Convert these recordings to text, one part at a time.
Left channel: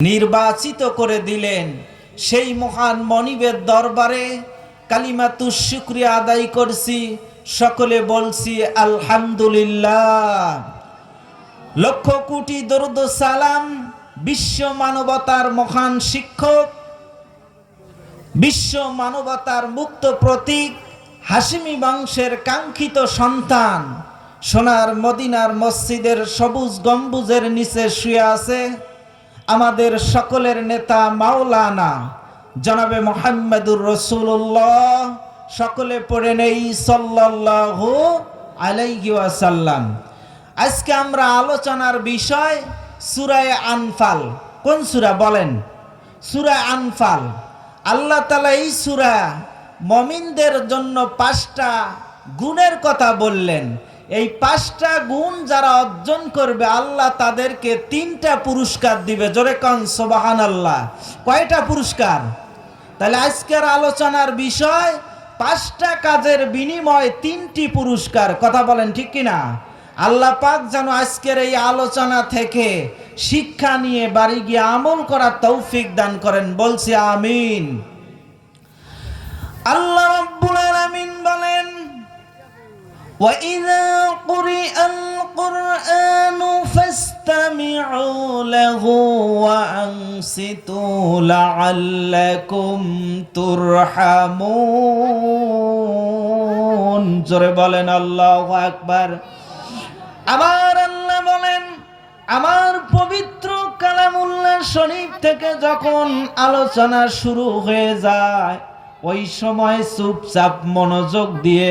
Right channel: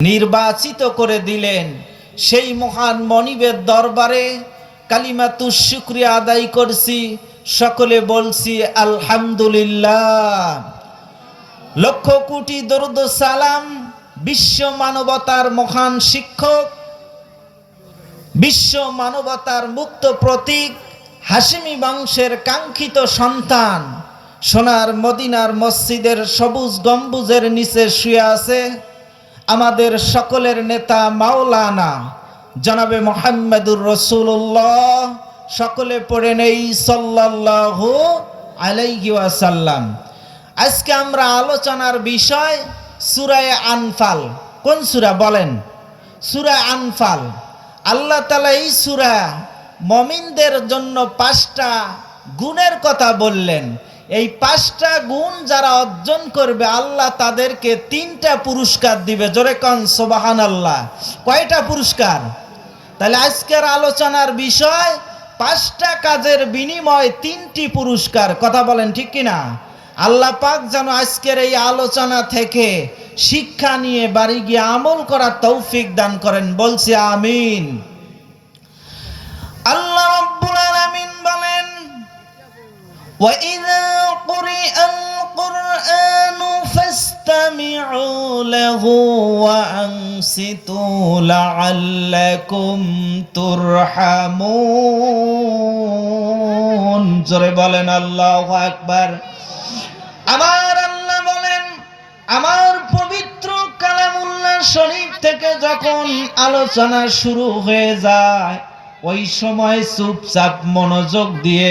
নির্বাচিত করে দিলেন। সেই মহান মনিবের দরবারে কালিমাতুশ শুকরিয়া আদায় করছি, সকলে বলছি আলহামদুলিল্লাহ। লক্ষ কোটি দরুদ সালাম বিশ্ব মানবতার মহান শিক্ষক, বিশ্ব মানবতার মুক্ত প্রতীক, হাশিমি বংশের কাঙ্ক্ষিত সন্তান, সোনার মদিনার মসজিদের সবুজ গম্বুজের নিচে শুয়ে আছে আমাদের সকলের নেতা মাওলানা জনাবে মুহাম্মদুর রাসূলুল্লাহ। সকলে পড়ে নেই সাল্লাল্লাহু আলাইহি ওয়াসাল্লাম। আজকে আমরা আলোচনার বিষয় সূরা আনফাল। কোন সূরা বলেন? সূরা আনফাল। আল্লাহ তাআলা এই সূরা মুমিনদের জন্য 5টা গুণের কথা বললেন। এই 5টা গুণ যারা অর্জন করবে আল্লাহ তাদেরকে 3টা পুরস্কার দিবে। জোরে কোন সুবহানাল্লাহ। কয়টা পুরস্কার? তাহলে আজকের আলোচনার বিষয় 5টা কাজের বিনিময়ে 3টি পুরস্কার। কথা বলেন ঠিক কিনা? আল্লাহ পাক যেন আজকের এই আলোচনা থেকে শিক্ষা নিয়ে বাড়ি গিয়ে আমল করার তৌফিক দান করেন। বলছি আমিন। আল্লাহ রাব্বুল আলামিন বলেন, وَإِذَا قُرِئَ الْقُرْآنُ فَاسْتَمِعُوا لَهُ وَأَنصِتُوا لَعَلَّكُمْ تُرْحَمُونَ। জোরে বলেন আল্লাহু আকবার। আমার আল্লাহ বলেন, আমার পবিত্র কালামুল্লাহ শরীফ থেকে যখন আলোচনা শুরু হয়ে যায় ওই সময় চুপচাপ মনোযোগ দিয়ে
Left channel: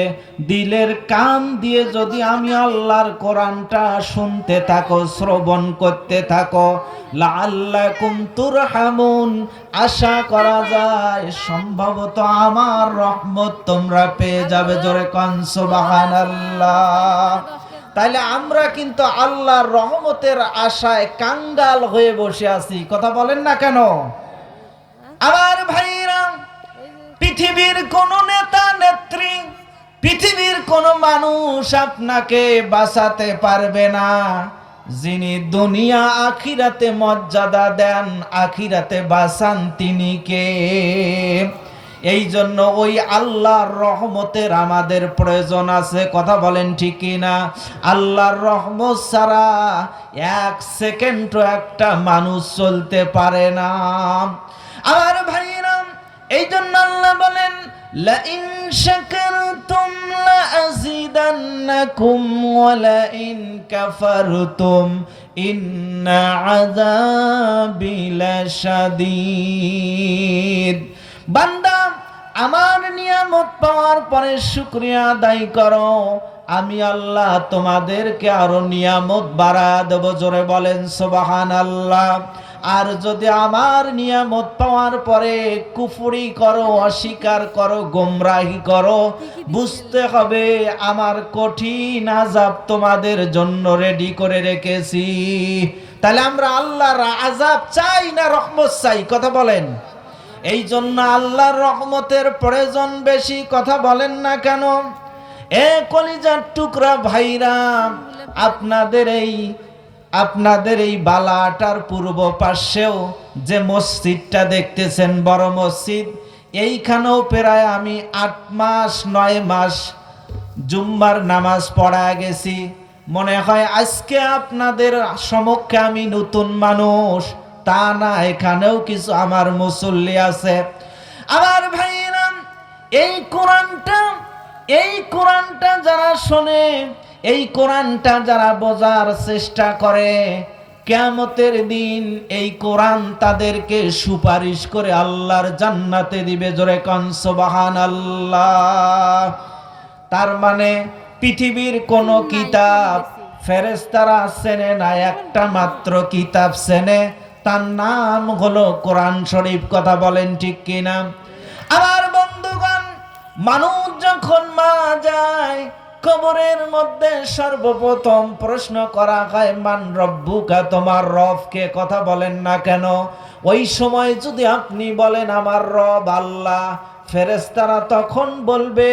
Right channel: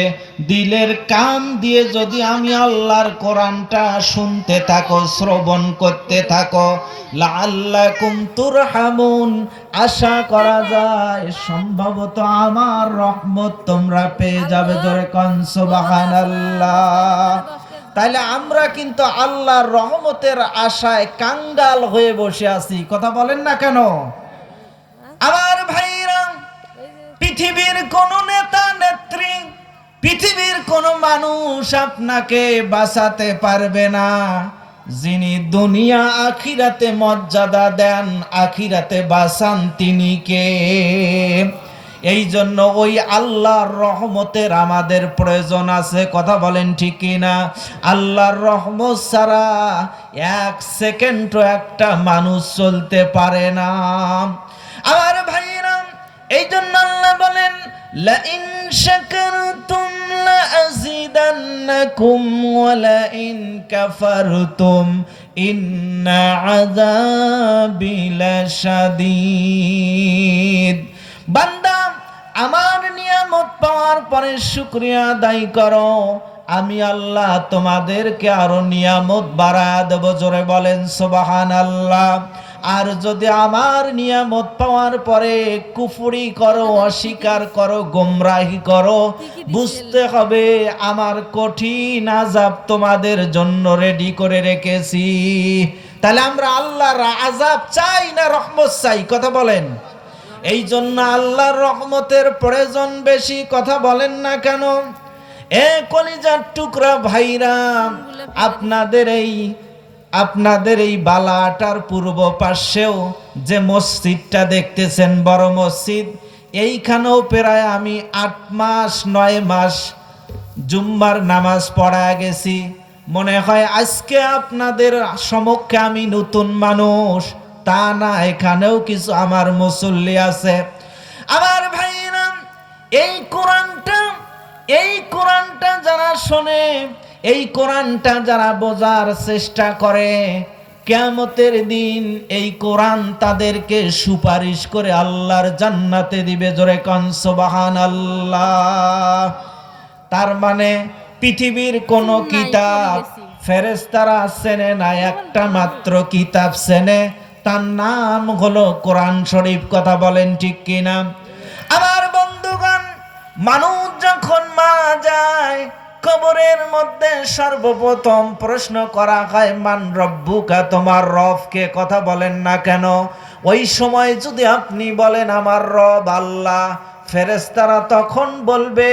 দিলের কান দিয়ে যদি আমি আল্লাহর কোরআনটা শুনতে থাকো, শ্রবণ করতে থাকো, লাআল্লাকুম তুরহামুন, আশা করা যায় সম্ভবত আমার রহমত তোমরা পেয়ে যাবে। জোরে কোন সুবহানাল্লাহ। তাহলে আমরা কিন্তু আল্লাহর রহমতের আশায় কাঙ্গাল হয়ে বসে আছি। কথা বলেন না কেন? আমার ভাইরা, পৃথিবীর কোন নেতা নেত্রী, পৃথিবীর কোন মানুষ আপনাকে বাঁচাতে পারবে না। যিনি দুনিয়া আখিরাতে মর্যাদা দেন, আখিরাতে বাঁচান তিনি কে? এই জন্য ওই আল্লাহর রহমতের আমাদের প্রয়োজন আছে। কথা বলেন ঠিক কিনা? আল্লাহর রহমত ছাড়া 1 সেকেন্ডও একটা মানুষ চলতে পারে না। আমার ভাইরা, এই জন্য আল্লাহ বলেন, লাইন শাকারতুম লাযিদান্নাকুম ওয়া লাইন কাফারতুম ইন্না আযাবি লাশাদীদ। বান্দা, আমার নিয়ামত পাওয়ার পরে শুকরিয়া আদায় করো, আমি আল্লাহ তোমাদেরকে আরো নিয়ামত বাড়ায় দেব। জোরে বলেন সুবহানাল্লাহ। আর যদি আমার নিয়ামত পাওয়ার পরে কুফরি করো, অস্বীকার করো, গোমরাহি করো, বুঝতে হবে আমার কঠিন আযাব তোমাদের জন্য রেডি করে রেখেছি। তাহলে আমরা আল্লাহর আযাব চাই না রহমত চাই? কথা বলেন। এই জন্য আল্লাহর রহমতের প্রয়োজন বেশি। কথা বলেন না কেন? এ কলিজার টুকরা ভাইরা, আপনাদের এই বালাটার পূর্ব পাশেও যে মসজিদটা দেখতেছেন, বড় মসজিদ, এইখানেও প্রায় আমি 8 মাস 9 মাস জুম্মার নামাজ পড়া গেছি। মনে হয় আজকে আপনাদের সমক্ষে আমি নতুন মানুষ, তা না, এখানেও কিছু আমার মুসল্লি আছে। আমার ভাইরা, এই কোরআনটা যারা শোনে, এই কোরআনটা যারা বোঝার চেষ্টা করে, কিয়ামতের দিন এই কোরআন তাদেরকে সুপারিশ করে আল্লাহর জান্নাতে দিবে। জোরে কোন সুবহানাল্লাহ। তার মানে পৃথিবীর কোন কিতাব ফেরেশতারা চেনে না, একটা মাত্র কিতাব চেনে, তার নাম হলো কোরআন শরীফ। কথা বলেন ঠিক কিনা? আমার বন্ধুগণ, মানুষ যখন মারা যায় কবরের মধ্যে সর্বপ্রথম প্রশ্ন করা হয়, মান রব্বুকা, তোমার রব কে? কথা বলেন না কেন? ওই সময় যদি আপনি বলেন আমার রব আল্লাহ, ফেরেশতারা তখন বলবে,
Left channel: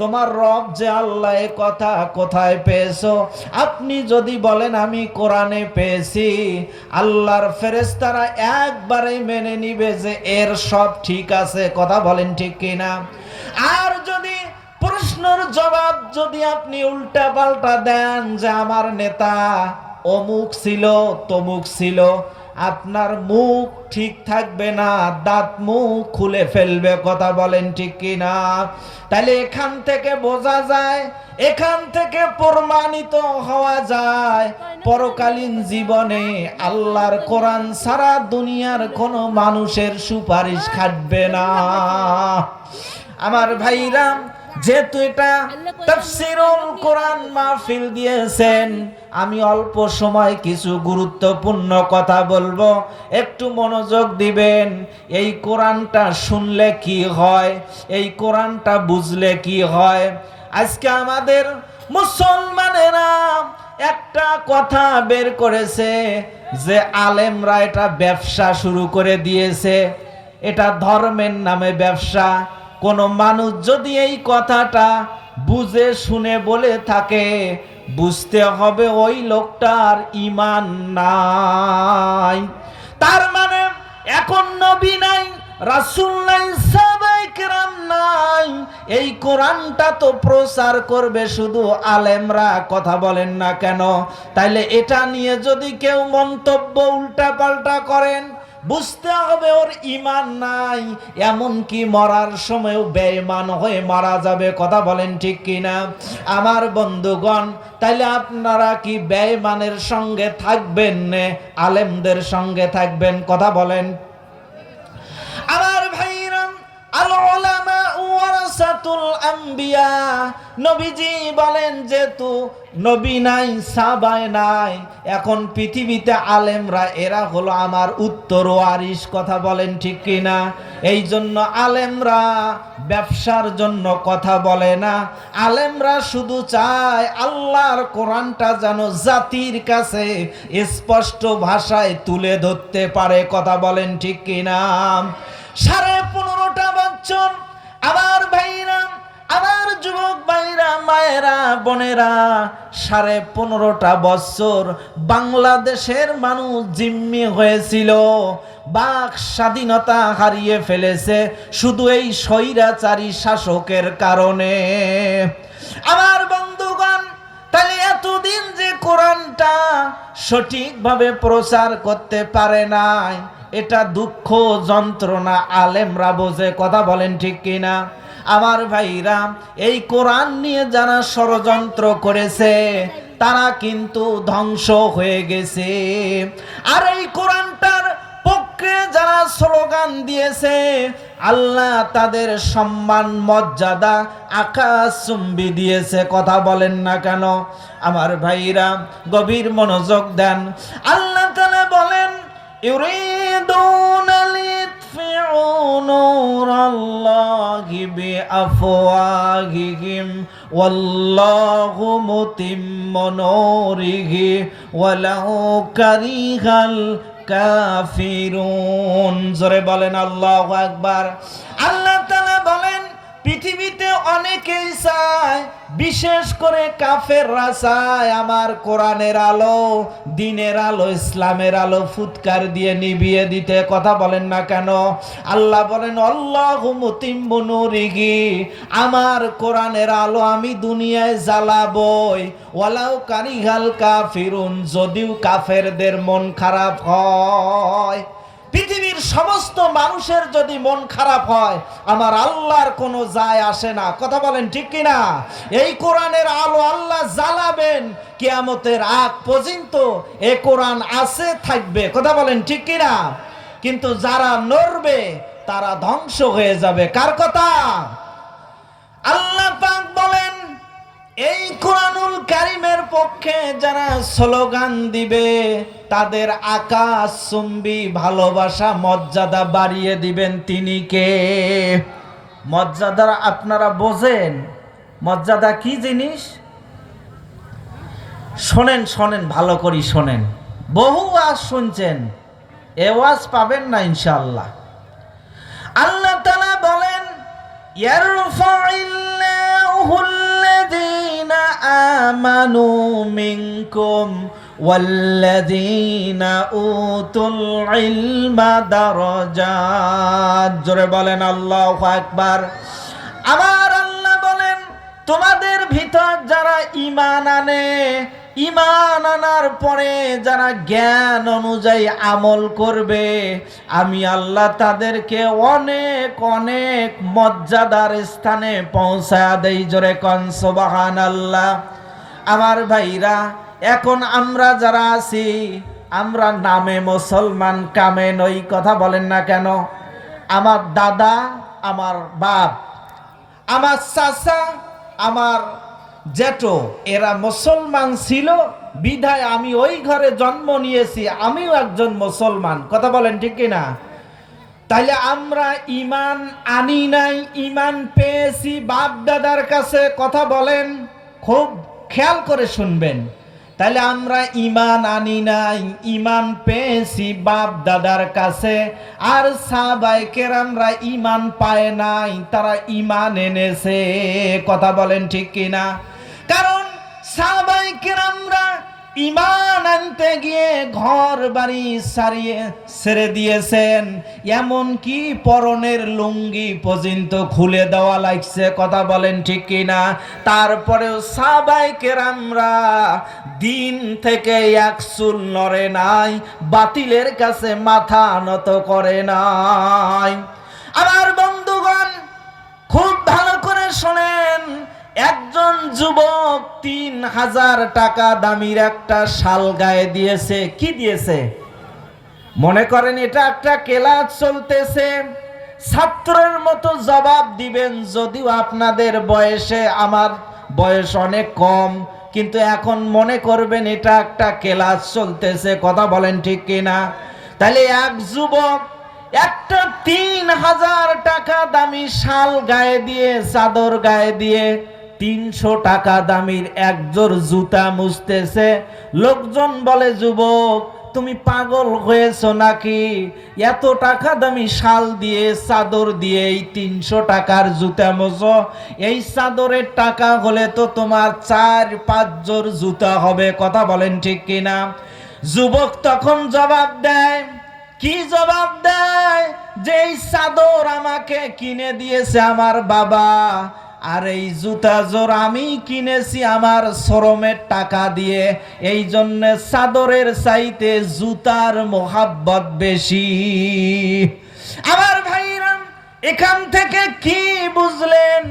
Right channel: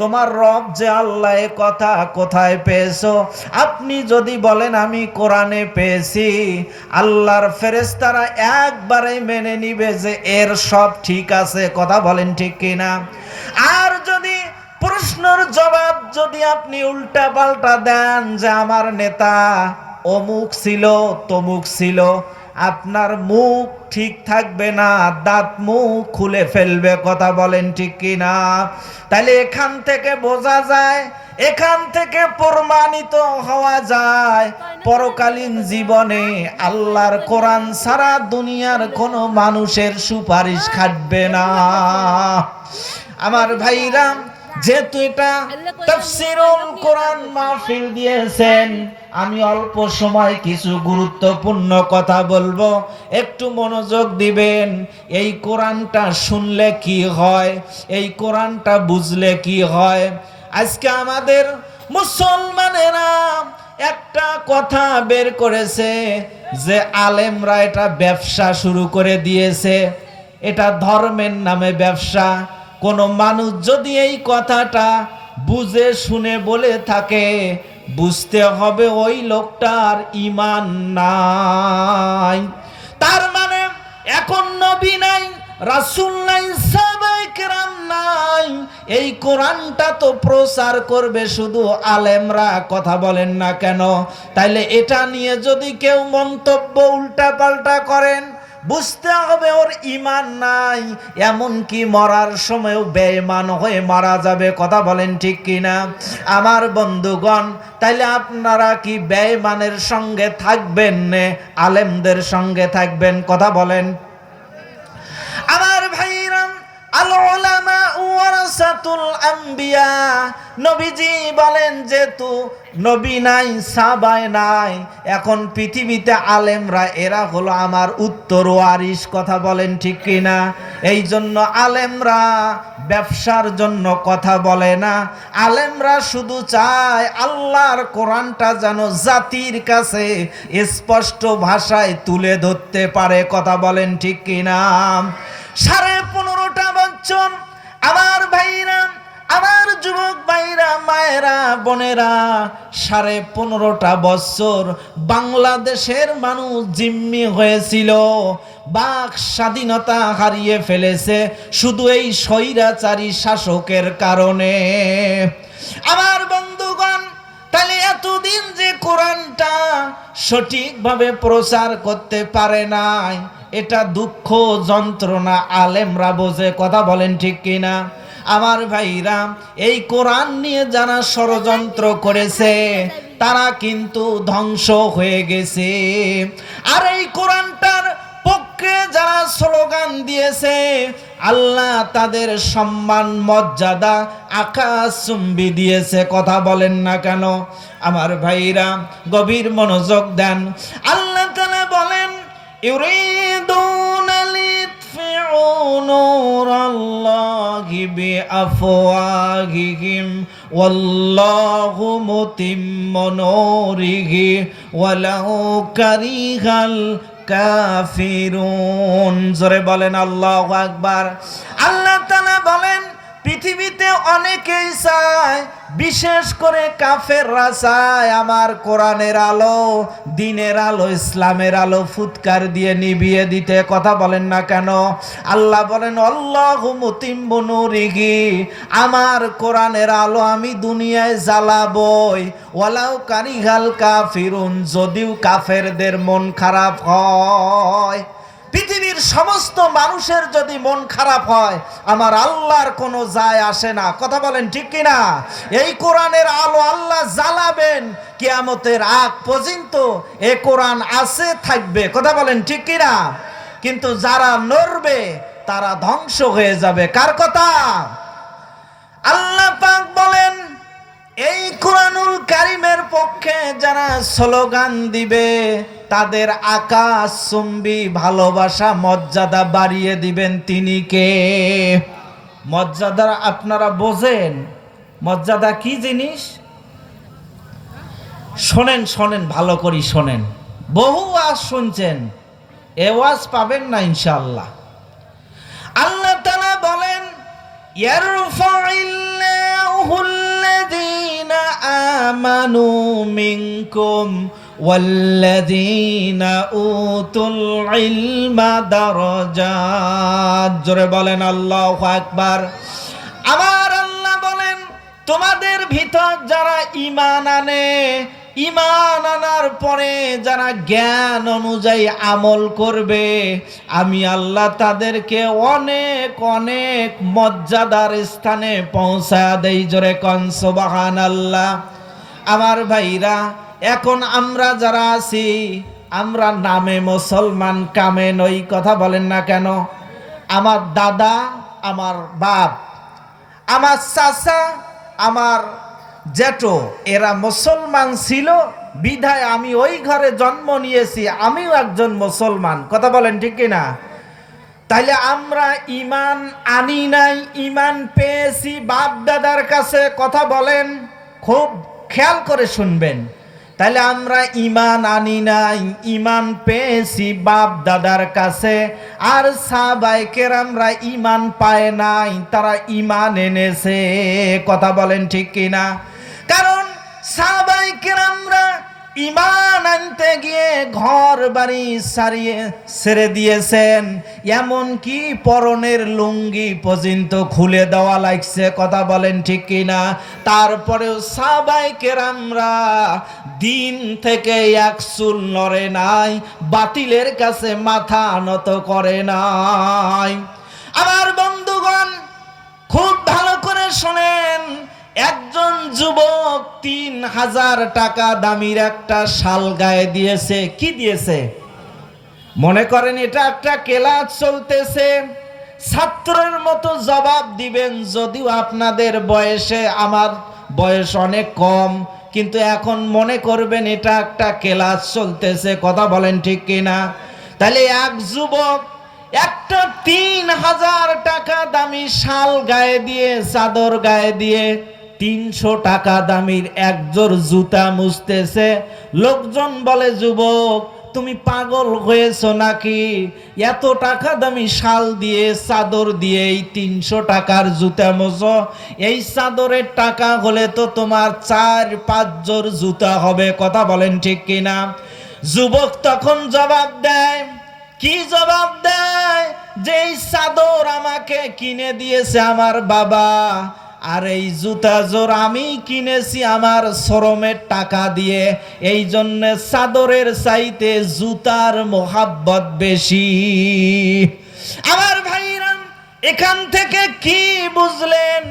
তোমার রব যে আল্লাহ, এ কথা কোথায় পেয়েছো? আপনি যদি বলেন আমি কোরআনে পেয়েছি, আল্লাহর ফেরেশতারা একবারে মেনে নিবে যে এর সব ঠিক আছে। কথা বলেন ঠিক কিনা? আর যদি প্রশ্নের জবাব যদি আপনি উল্টা পাল্টা দেন যে আমার নেতা অমুক ছিল তমুক ছিল, আপনার মুখ ঠিক থাকবে না, দাঁত মুখ খুলে ফেলবে। কথা বলেন ঠিক কিনা? তাহলে এখান থেকে বোঝা যায়, এখান থেকে প্রমাণিত হওয়া যায়, পরকালীন জীবনে আল্লাহর কোরআন ছাড়া দুনিয়ার কোনো মানুষের সুপারিশ খাটবে না। আমার ভাইরা, যেহেতু এটা তাফসীরুল কোরআন মাহফিল দিয়েছেন, আমি অল্প সময় কিছু গুরুত্বপূর্ণ কথা বলবো, একটু মনোযোগ দিবেন। এই কোরআনটা শুনলে কি হয়, এই কোরআনটা বুঝলে কি হয়। আজকে আমাদের মুসলমানেরা একটা কথা বের করেছে যে আলেমরা এটা ব্যবসা শুরু করে দিয়েছে, এটা ধর্মের নামে ব্যবসা। কোন মানুষ যদি এই কথাটা বুঝে শুনে বলে থাকে, বুঝতে হবে ওই লোকটার ঈমান নাই। তার মানে এখন নবী নাই, রাসূল নাই, সাহাবায়ে কেরাম নাই, এই কোরআনটা তো প্রচার করবে শুধু আলেমরা। কথা বলেন না কেন? তাইলে এটা নিয়ে যদি কেউ মন্তব্য উল্টা পাল্টা করেন, বুঝতে হবে ওর ঈমান নাই, এমনকি মরার সময়ও বেঈমান হয়ে মারা যাবে। কথা বলেন ঠিক কিনা? আমার বন্ধুগণ, তাইলে আপনারা কি বেঈমানের সঙ্গে থাকবেন না আলেমদের সঙ্গে থাকবেন? কথা বলেন। আমার ভাইরা, আল উলামা ওয়ারাসাতুল আম্বিয়া, নবীজি বলেন যেহেতু নবী নাই, সাহাবায়ে নাই, এখন পৃথিবীতে আলেমরা এরা হলো আমার উত্তরওয়ারিশ। কথা বলেন ঠিক কিনা? এই জন্য আলেমরা ব্যবসার জন্য কথা বলে না, আলেমরা শুধু চায় আল্লাহর কোরআনটা যেন জাতির কাছে স্পষ্ট ভাষায় তুলে ধরতে পারে। কথা বলেন ঠিক কিনা? 15.5 বছর আমার ভাইরা, আমার যুবক ভাইরা, মায়েরা, বোনেরা, 15.5 বছর বাংলাদেশের মানুষ জিম্মি হয়েছিল, বাক স্বাধীনতা হারিয়ে ফেলেছে শুধু এই স্বৈরাচারী শাসকের কারণে। আমার বন্ধুগণ, তাহলে এতদিন যে কোরআনটা সঠিকভাবে প্রচার করতে পারে নাই, এটা দুঃখ যন্ত্রণা আলেমরা বোঝে। কথা বলেন ঠিক কিনা? আমার ভাইরা, এই কোরআন নিয়ে যারা ষড়যন্ত্র করেছে তারা কিন্তু ধ্বংস হয়ে গেছে। আর এই কোরআনটার পক্ষে যারা স্লোগান দিয়েছে, আল্লাহ তাদের সম্মান মর্যাদা আকাশচুম্বী দিয়েছে। কথা বলেন না কেন? আমার ভাইরা, গভীর মনোযোগ দেন। আল্লাহ তাআলা বলেন, ইউরিদুনা লিয়ুতফিউ নূরাল্লাহি বিআফওয়াহিহিম ওয়াল্লাহু মুতিম্মু নূরিহি ওয়ালাউ কারিহাল কাফিরুন। জোরে বলেন আল্লাহু আকবার। আল্লাহ তাআলা বলেন, পৃথিবীতে অনেকেই চায়, বিশেষ করে কাফেররা চায় আমার কোরআনের আলো, দ্বীনের আলো, ইসলামের আলো ফুৎকার দিয়ে নিভিয়ে দিতে। কথা বলেন না কেন? আল্লাহ বলেন, আল্লাহু মুতিম্মু নূরিহি, আমার কোরআনের আলো আমি দুনিয়ায় জ্বালাবই, ওয়ালাউ কারিহাল কাফিরুন, যদিও কাফেরদের মন খারাপ হয়। পৃথিবীর সমস্ত মানুষের যদি মন খারাপ হয়, আমার আল্লাহর কোনো যায় আসে না। কথা বলেন ঠিক কিনা? এই কোরআনের আলো আল্লাহ জ্বালাবেন কিয়ামতের আগ পর্যন্ত, এই কোরআন আছে, থাকবে। কথা বলেন ঠিক কিনা? কিন্তু যারা নড়বে তারা ধ্বংস হয়ে যাবে। কার কথা? আল্লাহ পাক বলেন, এই কোরআনুল কারীমের পক্ষে যারা স্লোগান দিবে তাদের আকাশচুম্বী ভালোবাসা মর্যাদা বাড়িয়ে দিবেন। তিনি কে? মর্যাদা আপনারা বোঝেন? মর্যাদা কি জিনিস? শোনেন, শোনেন, ভালো করে শোনেন। বহু ওয়াজ শুনছেন, এ ওয়াজ পাবেন না ইনশাআল্লাহ। আল্লাহ তাআলা বলেন, ইয়ারফাইল্লাহু আল্লাযীনা আমানু মিনকুম ওয়াল্লাযীনা উতুল ইলমা দারাজাত। জোরে বলেন আল্লাহু আকবার। আমার আল্লাহ বলেন, তোমাদের ভিতর যারা ঈমান আনে, ঈমান আনার পরে যারা জ্ঞান অনুযায়ী আমল করবে, আমি আল্লাহ তাদেরকে অনেক অনেক মর্যাদার স্থানে পৌঁছায়া দেই। জোরে কোন সুবহানাল্লাহ। আমার ভাইরা, এখন আমরা যারা আছি, আমরা নামে মুসলমান, কামে নই। কথা বলেন না কেন? আমার দাদা, আমার বাপ, আমার চাচা, আমার জেঠো, এরা মুসলমান ছিল বিধায় আমি ওই ঘরে জন্ম নিয়েছি, আমিও একজন মুসলমান। কথা বলেন ঠিক কিনা? তাইলে আমরা ঈমান আনি নাই, ঈমান পেয়েছি বাপ দাদার কাছে। কথা বলেন, খুব খেয়াল করে শুনবেন। তাইলে আমরা ঈমান আনি নাই, ঈমান পেয়েছি বাপ দাদার কাছে। আর সাহাবায়ে কেরামরা ঈমান পায় নাই, তারা ঈমান এনেছে। কথা বলেন ঠিক কিনা? কারণ সাহাবায়ে কেরামরা ঈমান আনতে গিয়ে ঘর বাড়ি ছেড়ে দিয়েছেন, এমন কি পরনের লুঙ্গি পর্যন্ত খুলে দেওয়া লাগছে। কথা বলেন ঠিক কিনা? তারপরেও সাহাবায়ে কেরামরা দিন থেকে এক চুল নড়ে নাই, বাতিলের কাছে মাথা নত করে নাই। আমার বন্ধুগণ, খুব ভালো করে শোনেন। একজন যুবক ৩,০০০ টাকা দামির একটা শাল গায়ে দিয়েছে। কি দিয়েছে? মনে করেন এটা একটা ক্লাস চলতেছে, ছাত্রের মতো জবাব দিবেন। যদিও আপনাদের বয়সে আমার বয়স অনেক কম, কিন্তু এখন মনে করবেন এটা একটা ক্লাস চলতেছে। কথা বলেন ঠিক কিনা? তাহলে এক যুবক একটা ৩,০০০ টাকা দামি শাল গায়ে দিয়ে, চাদর গায়ে দিয়ে ৩০০ টাকা দামির একজোড় জুতা মুছতেছে। লোকজন বলে, যুবক তুমি পাগল হয়েছো নাকি? এত টাকা দামি শাল দিয়ে, চাদর দিয়ে এই ৩০০ টাকার জুতা মোছো? এই চাদরের টাকা হলে তো তোমার ৪-৫ জোড় জুতা হবে। কথা বলেন ঠিক কিনা? যুবক তখন জবাব দেয়, কি জবাব দেয়? যে এই চাদর আমাকে কিনে দিয়েছে আমার বাবা, আর এই জুতা জোর আমি কিনেছি আমার শ্রমের টাকা দিয়ে। এই জন্য চাদরের চাইতে জুতার মোহাব্বত বেশি। আমার ভাইরা, এখান থেকে কি বুঝলেন?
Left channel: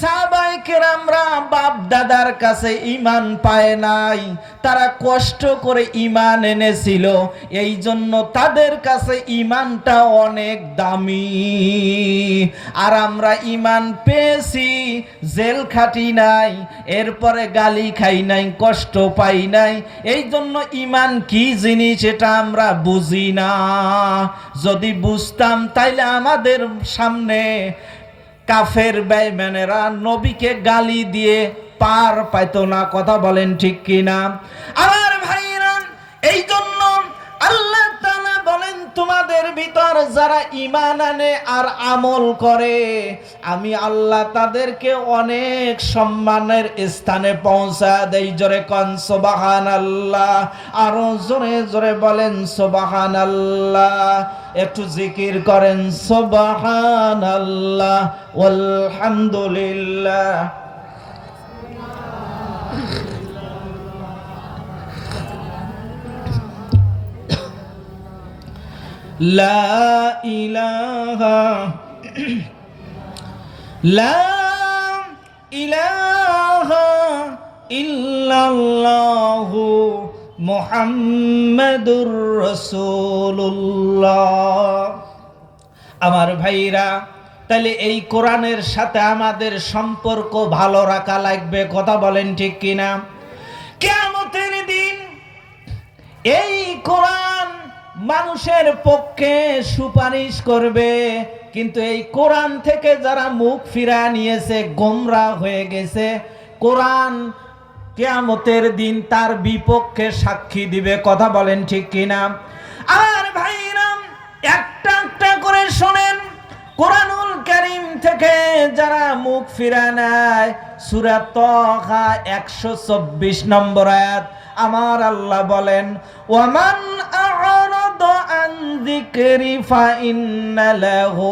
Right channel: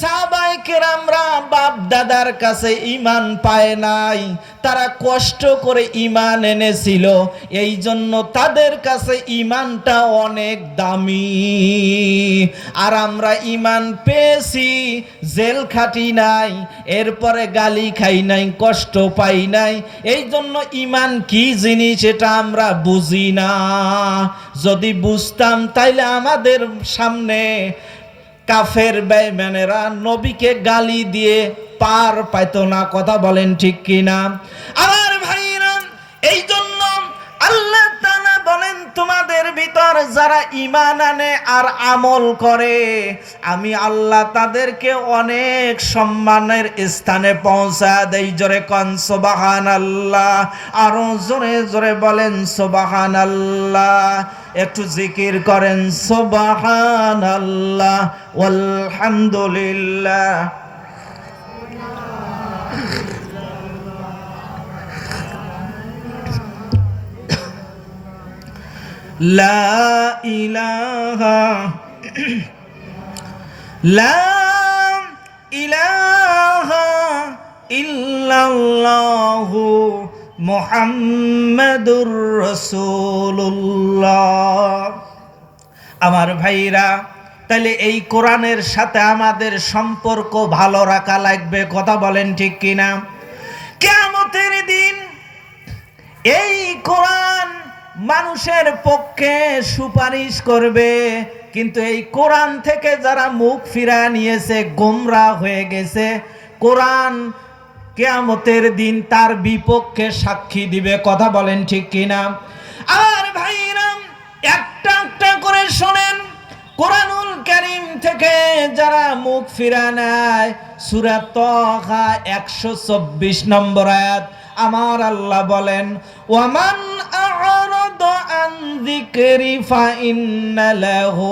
সাহাবায়ে কেরামরা বাপ দাদার কাছে ঈমান পায় নাই, তারা কষ্ট করে ঈমান এনেছিল। এই জন্য তাদের কাছে ঈমানটা অনেক দামি। আর আমরা ঈমান পেয়েছি, জেল খাটি নাই, এরপরে গালি খাই নাই, কষ্ট পাই নাই। এই জন্য ঈমান কি জিনিস এটা আমরা বুঝি না। যদি বুঝতাম তাইলে আমাদের সামনে কাফের বেঈমানেরা নবীকে গালি দিয়ে পার পাইত না। কথা বলেন ঠিক কিনা? আমার ভাইরা, এই জন্য আল্লাহ তাআলা বলেন, তোমাদের ভিতর যারা ঈমান আনে আর আমল করে, আমি আল্লাহ তাদেরকে অনেক সম্মানের স্থানে পৌঁছা দেই। জোরে কোন সুবহানাল্লাহ। আরো জোরে জোরে বলেন সুবহানাল্লাহ। একটু জিকির করেন সুবহানাল্লাহ ওয়ালহামদুলিল্লাহ। লা ইলাহা ইল্লাল্লাহু মুহাম্মাদুর রাসূলুল্লাহ। আমার ভাইরা, তাহলে এই কোরআনের সাথে আমাদের সম্পর্ক ভালো রাখা লাগবে। কথা বলেন ঠিক কিনা? কিয়ামতের দিন এই কোরআন মানুষের পক্ষে সুপারিশ করবে, কিন্তু এই কোরআন থেকে যারা মুখ ফিরায় নিয়েছে, গোমরাহ হয়ে গেছে, কোরআন কিয়ামতের দিন তার বিপক্ষে সাক্ষী দিবে। কথা বলেন ঠিক কিনা? আর ভাইরা, একটা একটা করে শোনেন। কোরআনুল কারীম থেকে থেকে যারা মুখ ফিরা নেয়, সূরা তাহা 124 নম্বর আয়াত, আমার আল্লাহ বলেন, ওয়ামান আ'রাদা আন যিকরি ফাইন্না লাহু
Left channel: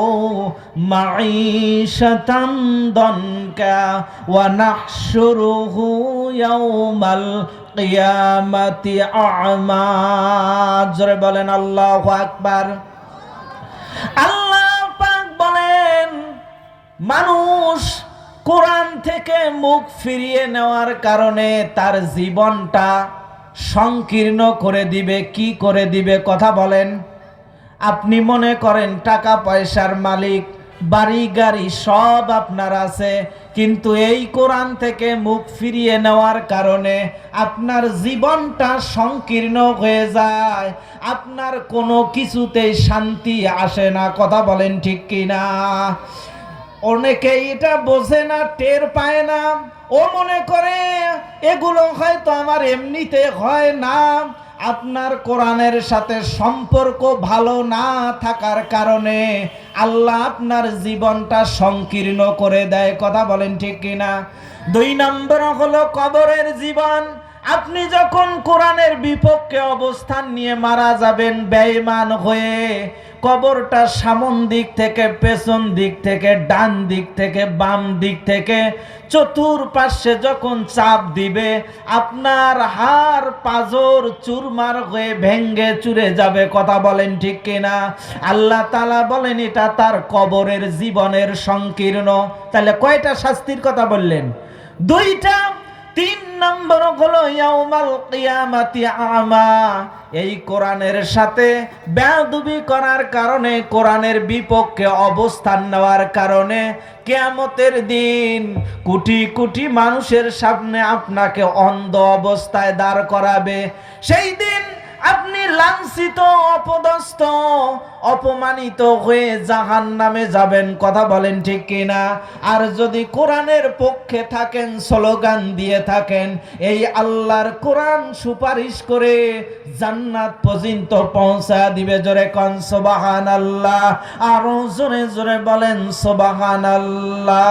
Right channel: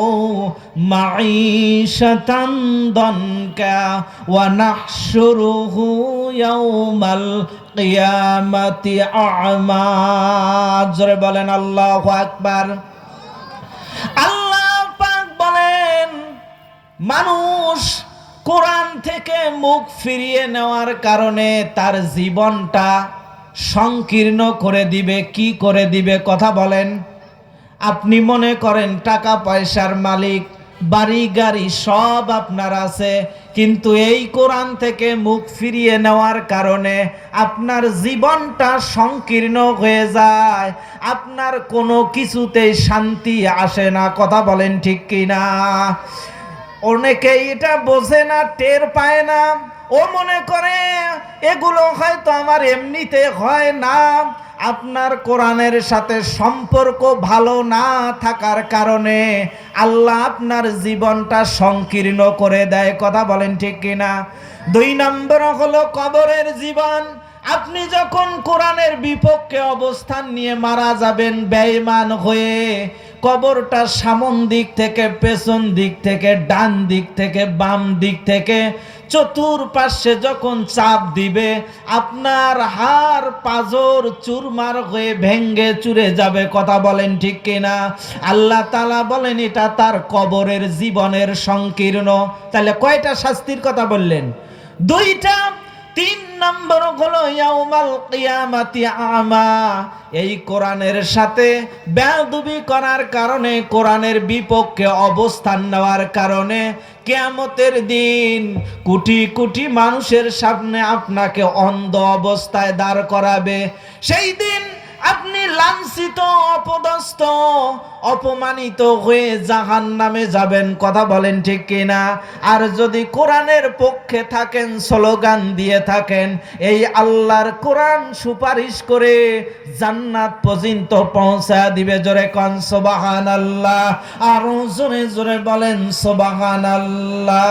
মাঈশাতান দানকা ওয়া নাহশুরুহু ইয়াওমাল কিয়ামাতি আ'মা। জোরে বলেন আল্লাহু আকবার। আল্লাহ পাক বলেন, মানুষ কোরআন থেকে মুখ ফিরিয়ে নেওয়ার কারণে তার জীবনটা সংকীর্ণ করে দিবে। কি করে দিবে কথা বলেন? আপনি মনে করেন টাকা পয়সার মালিক, বাড়ি গাড়ি সব আপনার আছে, কিন্তু এই কোরআন থেকে মুখ ফিরিয়ে নেওয়ার কারণে আপনার জীবনটা সংকীর্ণ হয়ে যায়, আপনার কোনো কিছুতেই শান্তি আসে না। কথা বলেন ঠিক কিনা? অনেকে এটা বোঝে না, টের পায় না। ও মনে করে এগুলো হয়তো আমার এমনিতে হয় না। আপনার কোরআনের সাথে সম্পর্ক ভালো না থাকার কারণে আল্লাহ আপনার জীবনটা সংকীর্ণ করে দেয়। কথা বলেন ঠিক কিনা? 2 নম্বর হলো কবরের জীবন। আপনি যখন কোরআনের বিপক্ষে অবস্থান নিয়ে মারা যাবেন বেঈমান হয়ে, কবরটা সামন দিক থেকে, পেছন দিক থেকে, ডান দিক থেকে, বাম দিক থেকে, চতুর্পাশে যখন চাপ দিবে, আপনার হাড় পাঁজর চুরমার হয়ে ভেঙ্গে চুরে যাবে। কথা বলেন ঠিক কিনা? আল্লাহ তাআলা বলেন এটা তার কবরের জীবনের সংকীর্ণ। তাহলে কয়টা শাস্তির কথা বললেন? 2টা। 3 নম্বর হলো ইয়াউমাল কিয়ামাতি আমা। এই কোরআনের সাথে বেয়াদবি করার কারণে, কোরআনের বিপক্ষে অবস্থান নেওয়ার কারণে কিয়ামতের দিন কোটি কোটি মানুষের সামনে আপনাকে অন্ধ অবস্থায় দাঁড় করাবে। সেই দিন আপনি লাঞ্ছিত, অপদস্থ, অপমানিত হয়ে জাহান্নামে যাবেন। কথা বলেন ঠিক কিনা? আর যদি কোরআনের পক্ষে থাকেন, স্লোগান দিয়ে থাকেন, এই আল্লাহর কোরআন সুপারিশ করে জান্নাত পর্যন্ত পৌঁছা দিবে। জোরে কোন সুবহানাল্লাহ। আরো জোরে জোরে বলেন সুবহানাল্লাহ।